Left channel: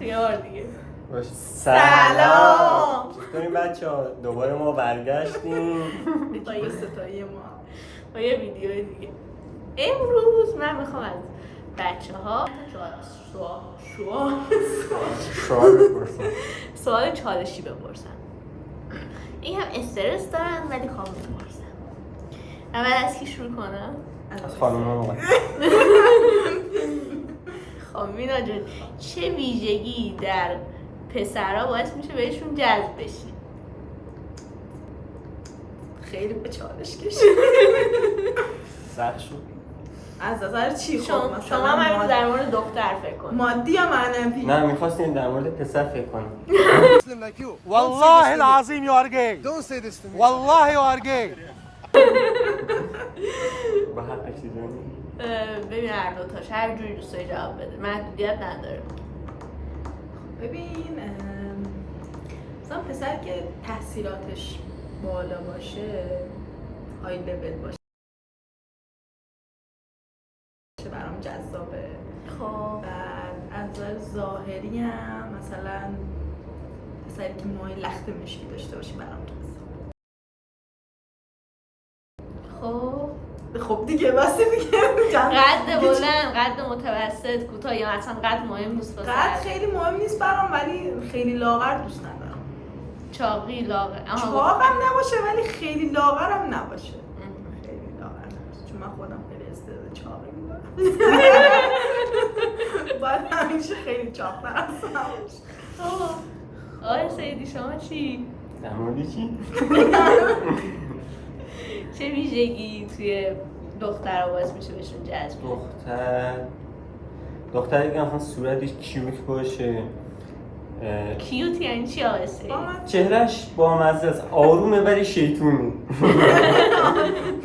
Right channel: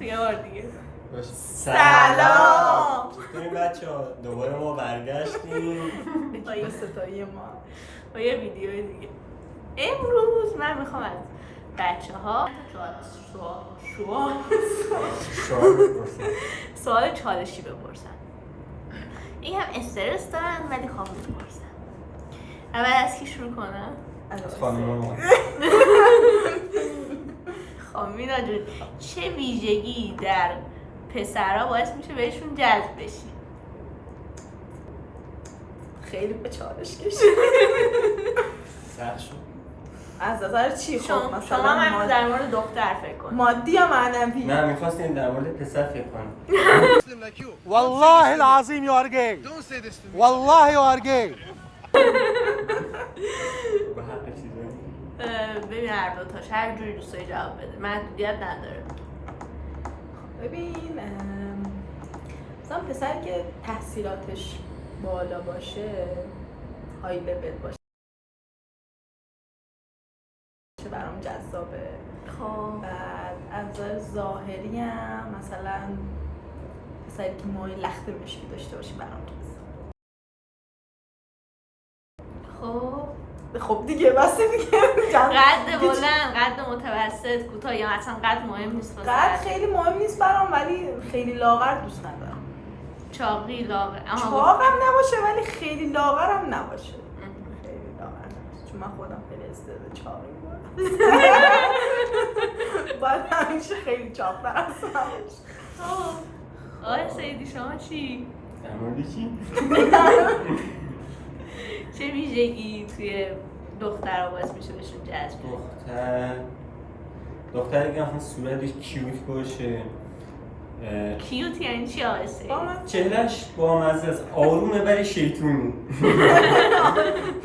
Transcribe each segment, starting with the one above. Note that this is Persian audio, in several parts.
یه بار دیگه. سلام. چطورین بچه‌ها؟ دوباره ما برگشتیم با یه ستایی ما با یه ویدیوی دیگه. امروز من میخوام از بچه‌ها سوال چالشی بپرسم. این هم استرس دارن ولی خواب میپرسن. اول از کی شروع کنم؟ از خانوما. خب مینا جون، چه ویژگی در پسرها باعث میشه بهشون جذب بشی؟ خیلی به چالش کشید. سخت شد. از نظر چی؟ شما هم در مورد دختر فکر کن. مادی یا معنوی؟ نه میخواستیم در مورد پسر فکر کنیم. والله العظیم you are gay. Don't say this to me. والله you are gay. با حق چیزی ببین هر دوتاش هر جوری دوست داری جواب بده، محدودیت نداره. ببین مثلا پسر که تحصیلاتش بالا باشه، های لول باشه، برام جذابه. خب بعد از نظر ظاهری هم مثلا پسری که موهای لخت مشکی داشته باشه برام جذابه. خب دیگه بس دیگه. قد بلند، قد متوسط، کوتاه یا اصلا قد مهم نیست واسه قد خیلی مهم نیست برام، ولی خیلی لاغر دوست ندارم. چاقی لاغر. چاقم نباشه ولی خیلی لاغرم نباشه. خیلی لاغر نباشه چون من خودم خیلی استعداد چاقی دارم. باید همیشه خیلی چاق برسم باشه. آقای سیدی شما چی؟ در مورد چی؟ چه ویژگی توی دخترها باعث میشه بهشون جذب؟ دختری که مثلا صورتش کیوت باشه. کیوت یعنی چی آقای سیدی؟ چهرهش با مزه است، آرومه ولی شیطونه.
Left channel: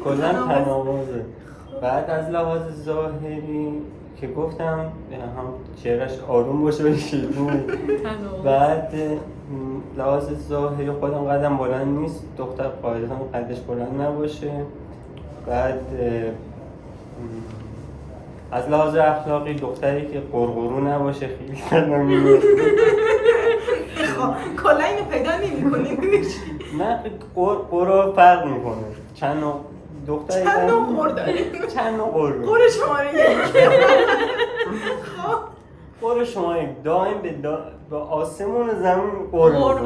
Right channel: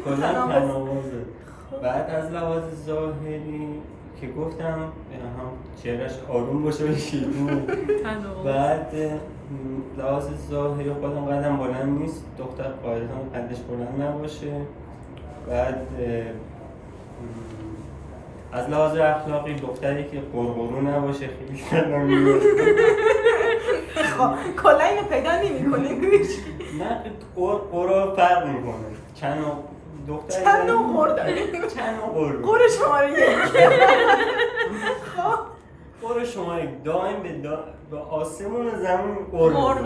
کلا تناوازه. بعد از لحاظ ظاهری که گفتم هم چهرهش آروم باشه ولی شیطونه. بعد لحاظ ظاهری خودم قدم بلند نیست، دختر قاعدتا قدش بلند نباشه. بعد از لحاظ اخلاقی دختری که قرقرو نباشه، خیلی سلام میاد. کلا اینو پیدا نمی‌کنه. نه قرقرو فرق میکنه. چند نوع دختری چند نوع قر داریم؟ چند نوع قرقرو. قر شماره یک. قر شما یک دائم به آسمون و زمین قر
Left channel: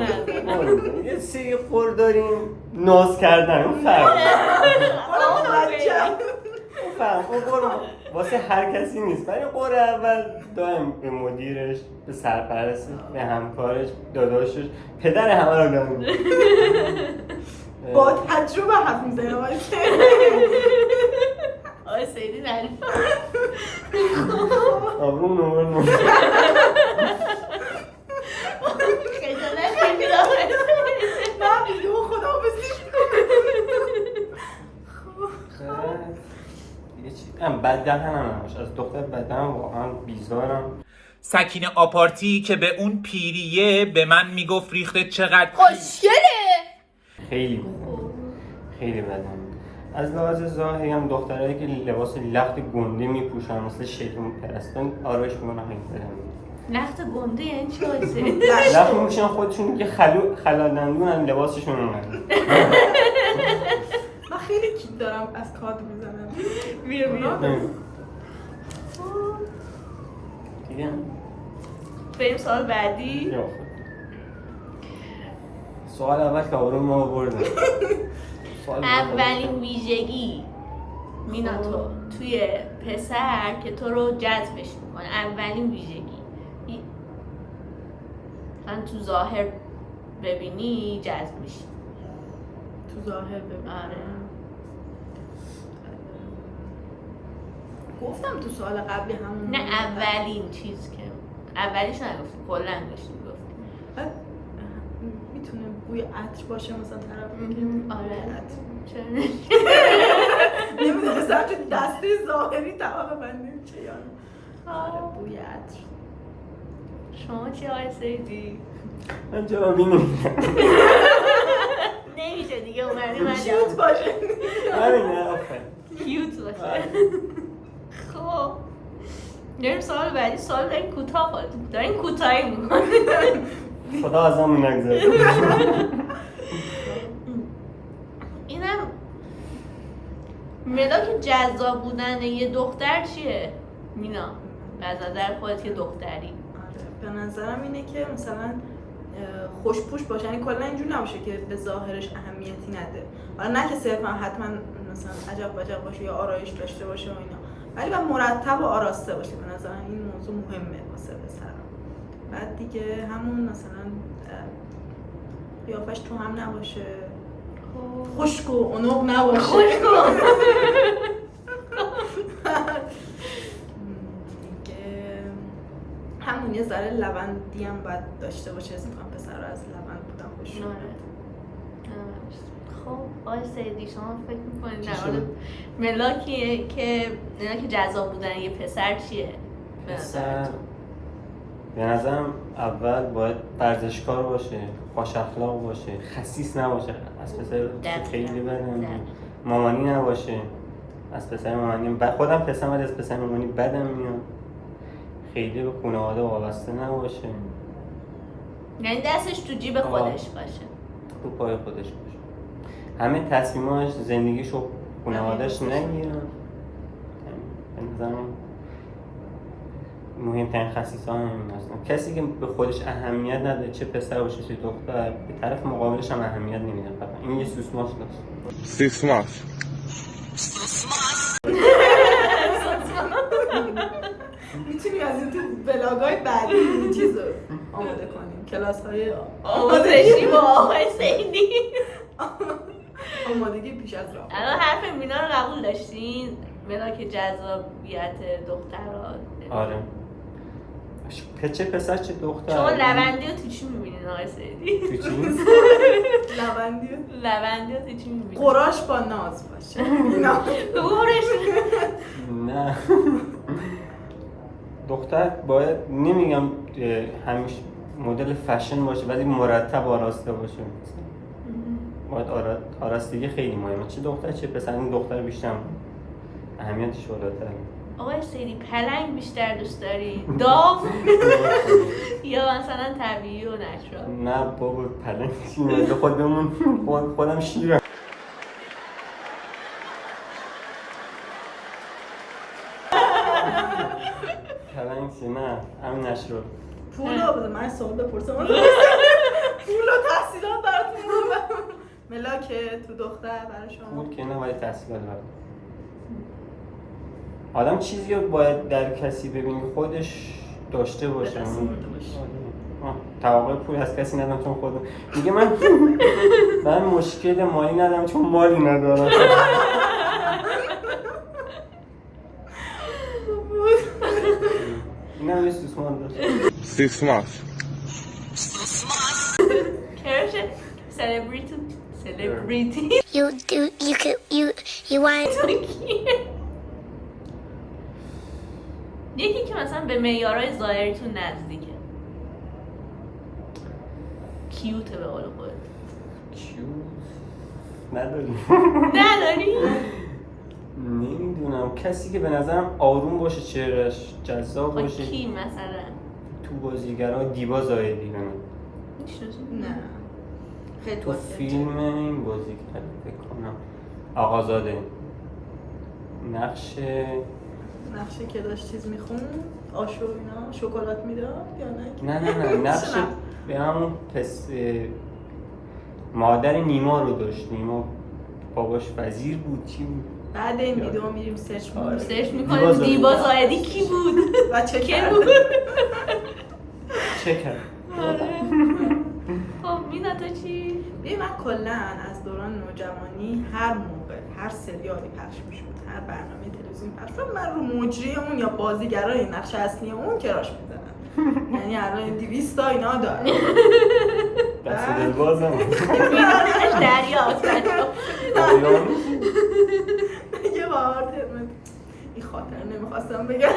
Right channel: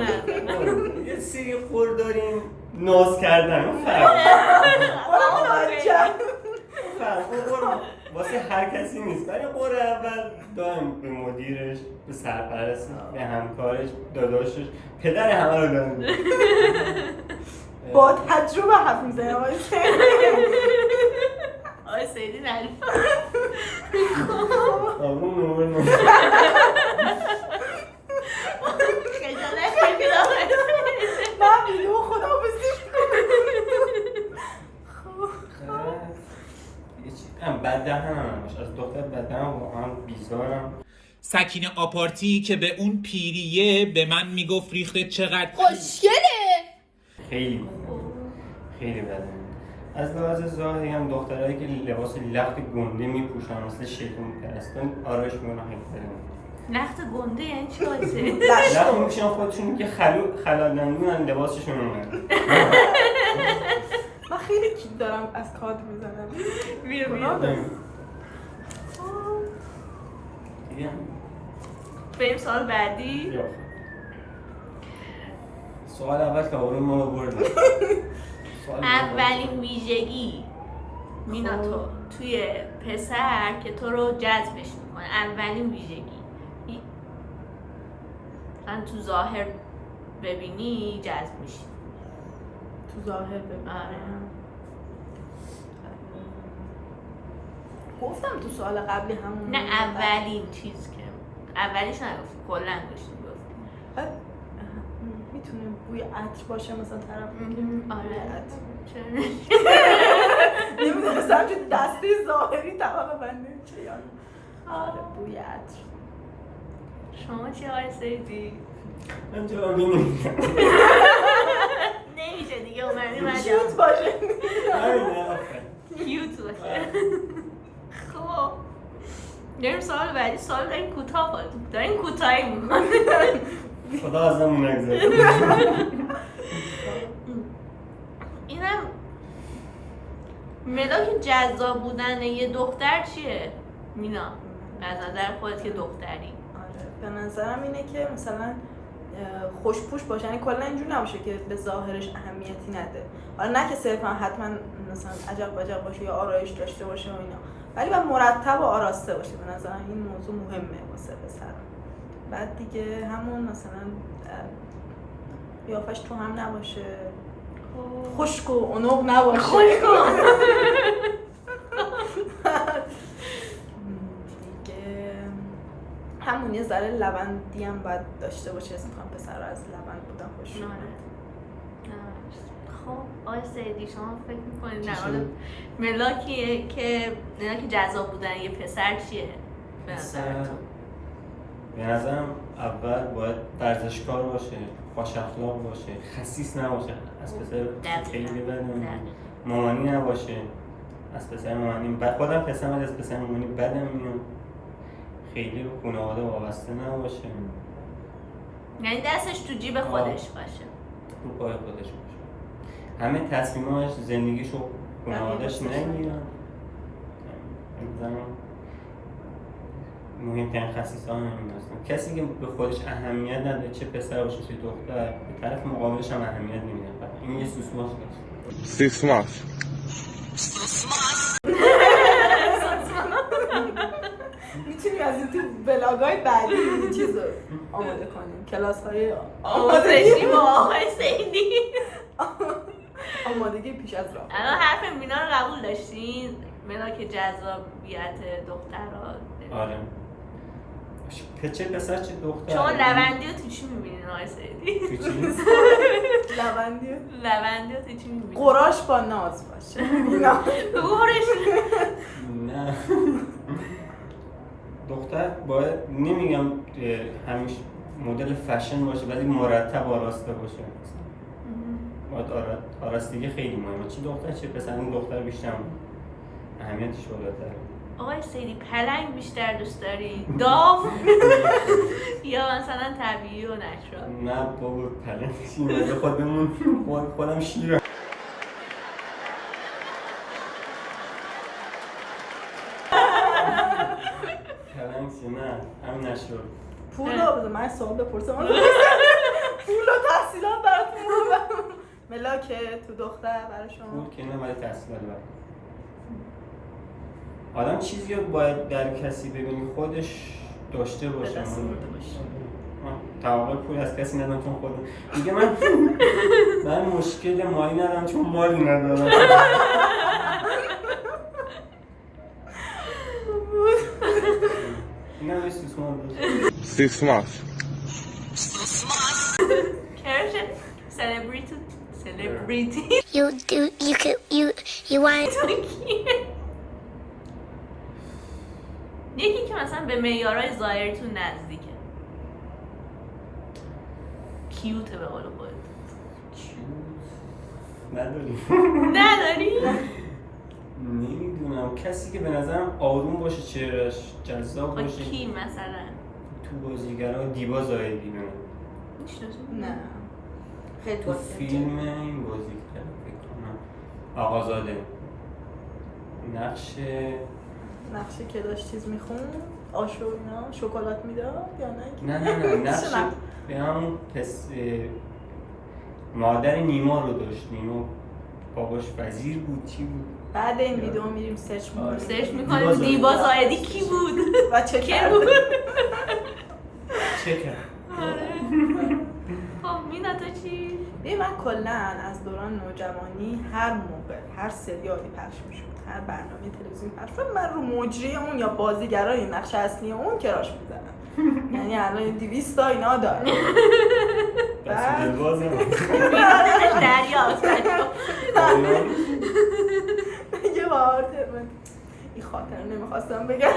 نداره. یه سری قر داریم ناز کردن، اون فرق. اون قر واسه هر کسی نیست، ولی قر اول دائم به مدیرش، به سرپرست، به همکارش، داداشش، پدر همه رو داریم. با تجربه حرف میزنه آقای سیدی. آقای سیدی نریم. آقا نمون خجالت کشید آقای سیدی. من ویدیو خداحافظی هم بددهن هم نباشه، از دختر بددهن واقعا بیزارم. سکینه آپارتی که به اون پیریه به من میگفت ریخته چقدر خوشگله. خیلی بدم. از لحاظ ظاهری هم دخترایی که لباس لخت گنده میپوشن مثل شیخ پرستان آرایش میکنن همین. لخت گنده یعنی چی آقای سیدی؟ لخت میپوشن خودشون که خلالندونن لباسشون اومده. من خیلی کیک دارم از کارت میزنم. بیا دیگه بریم سوال بعدی. سوال اول که آروم ما بردم. اولین ویژگی مینا توی پسر که تو رو جذبش میکنه، اولین ویژگی مثلا تو ظاهر ببینی جذب میشی. تو ظاهر ببینم. آره. گفتم تو سوال قبلی همون. نه اولین چیز که اولیش نگفتی، کلا گفتی. میتونه بوی عطر باشه مثلا طرف. آره. چرا؟ نمیدونستم چه دسته ظاهری تمام بنده چه یاد. آره بوی عطر. شما چی آقای سیدی؟ من جوابی نمیدم. نمیشه دیگه اومدی من کیوت باشه. همینه آفرین. کیوت باشه. خب داریم سوال بعدی. سوال داریم کوتاه خواهد داریم کوتاهی میکنه. خدا از همون نگذاره. اینم ملاک جذاب بودن یه دختر چیه؟ مینا از نظر خودت که دختری. آره به نظرم اینه که مثلا خوشپوش باشه، یعنی کلا اینجور نباشه که به ظاهرش اهمیتی نده. حالا نه که صرفا حتما مثلا عجب بجب باشه یا آرایش داشته باشه و اینا، ولی باید مرتب و آراسته باشه. به نظرم این موضوع مهمه واسه پسرا. بعد دیگه همون مثلا قیافش تو هم نباشه، خشک و عنق نباشه. خشک و همون یه ذره لبندی هم باید داشته باشه. اسم کنم پسر از لبند بودن خوش میاد. خب آقای سیدی شما فکر میکنید در مورد ملاکی که جذاب بودن یه پسر چیه به نظرتون؟ به نظرم اول باید ورزشکار باشه، خوش اخلاق باشه، خسیس نباشه. از پسر خیلی بدم مامانی نباشه. از پسر مامانی خودم پسرم از پسر مامانی بدم میاد. خیلی به خانواده وابسته نباشه، یعنی دستش تو جیب خودش باشه، تو پای خودش باشه. همه تصمیماش زندگیشو خانواده‌اش نگیره. مثلا مهمترین خصیصه ها همین هستن. کسی که به خودش اهمیت نده، چه پسر باشه چه دختر، به طرف مقابلش هم اهمیت نمیده. این یه سوسماس داشت. سوسماس میتونیم از این تو بلاگای بعدی این چیز رو آماده کنیم، کلاس های آموزشی با آقای سیدی. آمادگی پیش از راه. الان حرف مینا رو قبول داشتین؟ ملاک جذابیت دخترها. آره. چه پسر چه دختر. شما لبندی رو تو چی میبینین آقای سیدی؟ تو چی؟ لبندی رو تو چی میبینین؟ قراش با ناز باشه. نه. دختر باید نمیگم همیشه مدل فشن باشه، ولی مرتب آراسته باشه. باید آراستگی خیلی مهمه. چه دختر چه پسر. این دختر بیشتر اهمیتش بالاتره. آقای سیدی پلنگ بیشتر دوست داری؟ داو؟ یا مثلا طبیعی و نچرال؟ نه بابا پلنگ چیه؟ خودم شیرم. پلنگ چیه؟ نه هم نشرال. پول ها بده من سوال بپرسم. پول و تحصیلات براتون بودم. ملاکه تو دختر برای شما؟ پول که نه، باید تحصیلات برد. آدم چیزی رو باید در کسی ببینی خودش داشته باشه. توقع پول از کسی ندارم چون خودم دیگه من مشکل مالی ندارم چون مالی ندارم. نه سوسماس داشت. سوسماس کرش celebrity you want یکی که مثلا به معیارهای ظاهریتون نزدیکه، کیوته به قول خودت. نداری؟ نمیدونم. کسی که به نظرم آروم باشه، چهرهش جذاب باشه. کی مثلا؟ تو بازیگران دیبا زاهدی میشناسی؟ نه خیلی تو فیلم این بازیگر بکنم آقازاده نقشه که داشت چیز میخون آشو اینا شکلات میداد یا نه؟ نه نقشه به همون مادر نیما رو داشت. نیما باباش وزیر بود چی بود؟ بعد این ویدیو میریم سرچ میکنیم دیبا زاهدی کی بود و چه کرد. چه کرد. خب مینا تو چی؟ ببین من کلا از دوران نوجوانی هر موقع هر سریالی پخش میشد، هر برنامه تلویزیونی پخش شد، من رو مجری اون یا بازیگرای نقش اصلی اون کراش میزنم. یعنی الان 200 تا اینا داره. دست دلواز نمید. مینا دلش دریاست. یه بار ترم این خاطر نمیخواستم بگم.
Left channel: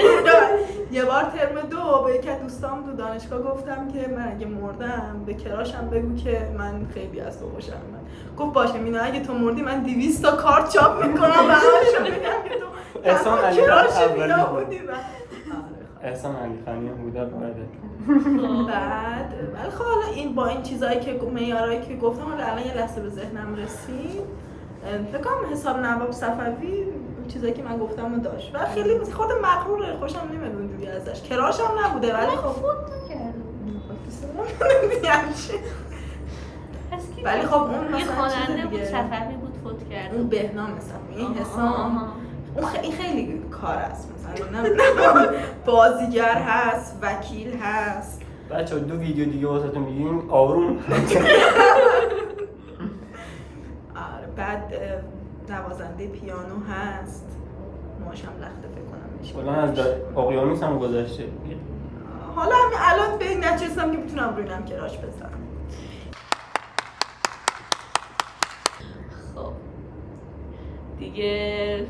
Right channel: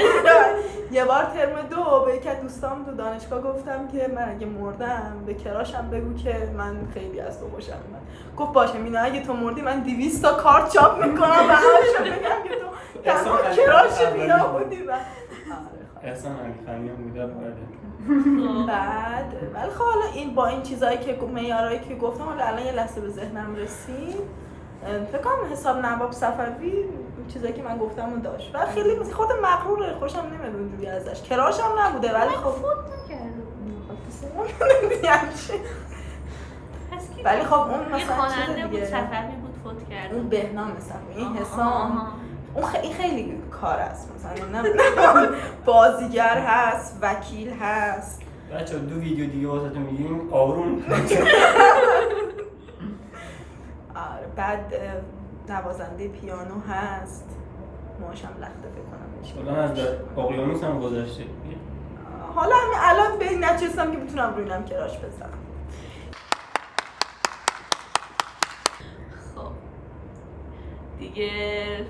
یه بار ترم 2 به یکی از دوستام تو دانشگاه گفتم که من اگه مردم به کراشم بگو که من خیلی از تو خوشم اومد. گفت باشه مینا اگه تو مردی من 200 تا کارت چاپ میکنم و همشو بگم که تو تنها کراش مینا بودی. احسان علیخانی بوده وارده. بعد ولی خب حالا این با این چیزایی که معیارایی که گفتم حالا الان یه لحظه به ذهنم رسید. فکر کنم حساب نواب صفوی چیزایی که من گفتم رو داشت و خیلی مثل خود مغروره، خوشم نمیاد اونجوری ازش. کراش هم نبوده ولی خب فوت نکرد. ولی خب اون یه خواننده بود صفوی بود فوت کرد. اون بهنام صفوی این حسام اون خیلی کار است، مثلا بازیگر هست، وکیل هست. بچه‌ها 2 ویدیو دیگه واسهتون میگیم آروم. بعد نوازنده پیانو هست، ماشم لخته فکر کنم میشه. الان از اقیانوس هم گذشته. حالا همین الان به این نچستم که میتونم روی اینم کراش بزنم. خب دیگه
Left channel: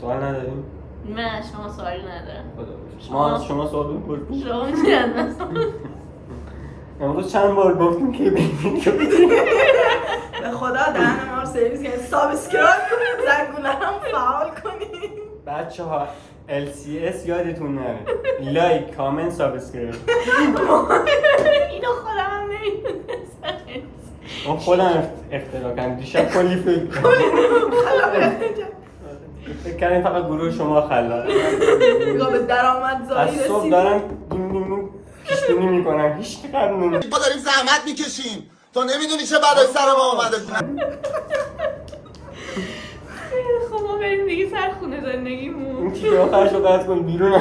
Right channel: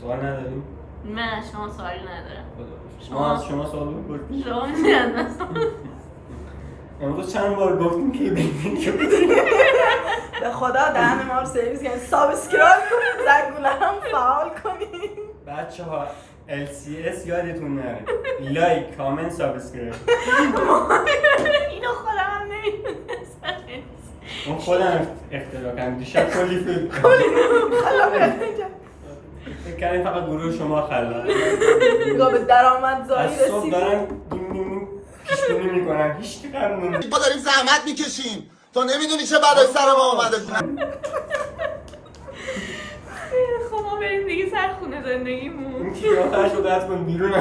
سوال نداریم؟ من شما سوالی ندارم. ما از شما سوال بپرسیم. شما میدونم امروز چند بار گفتیم که به خدا دهن ما رو سرویس کنید، سابسکرایب کنید، زنگوله هم فعال کنید. بچه‌ها LCS یادتون نره. لایک، کامنت، سابسکرایب. اینو خودم هم نمیدونستم. اون خودم اختراع کردم. دیشب کلی فکر کردیم فقط گروه شما خلاق. نگاه به درآمدزایی از صبح رسید. دارن دون پیش‌بینی میکنن. هیچ کی کار نمی‌کنه. ما داریم زحمت میکشیم، تو نمیدونی چه بلای سر ما اومده. خب ما بریم دیگه سر خونه زندگیمون. این تیکه آخرش رو قطع کن بیرون.